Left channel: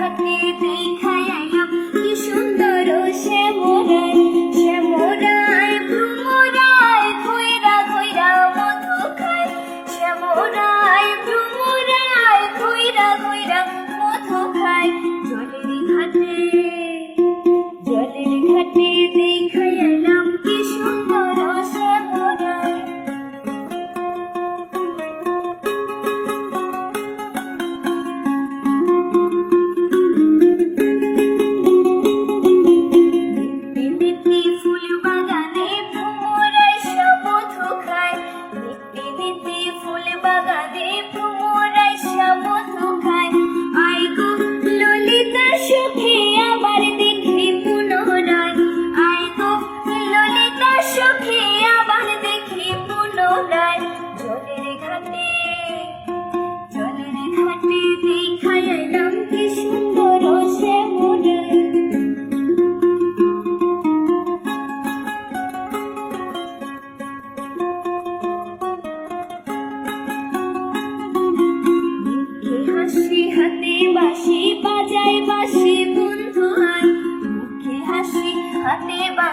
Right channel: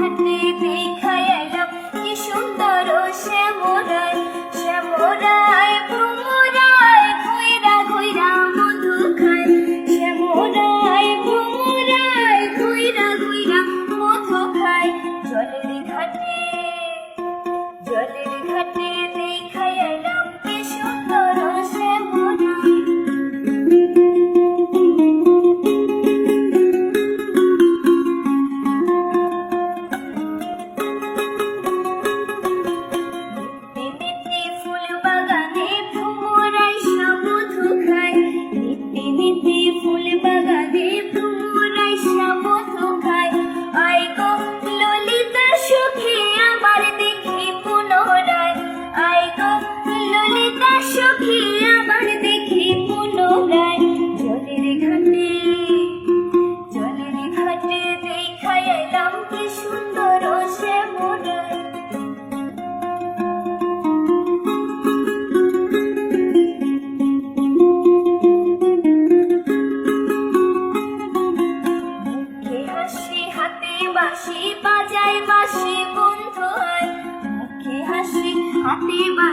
घटे दे neva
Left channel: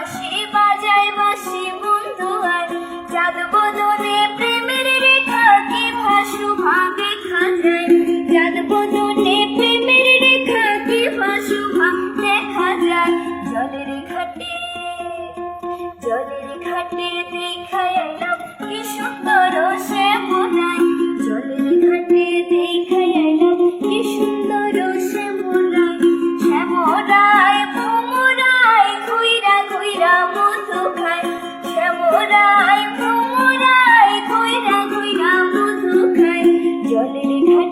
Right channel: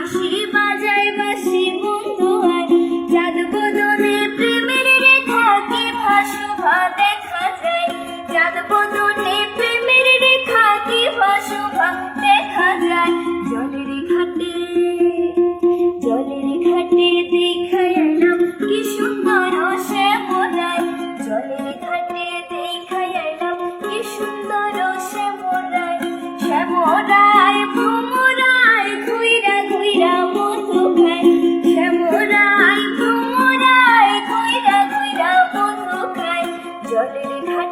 your lady can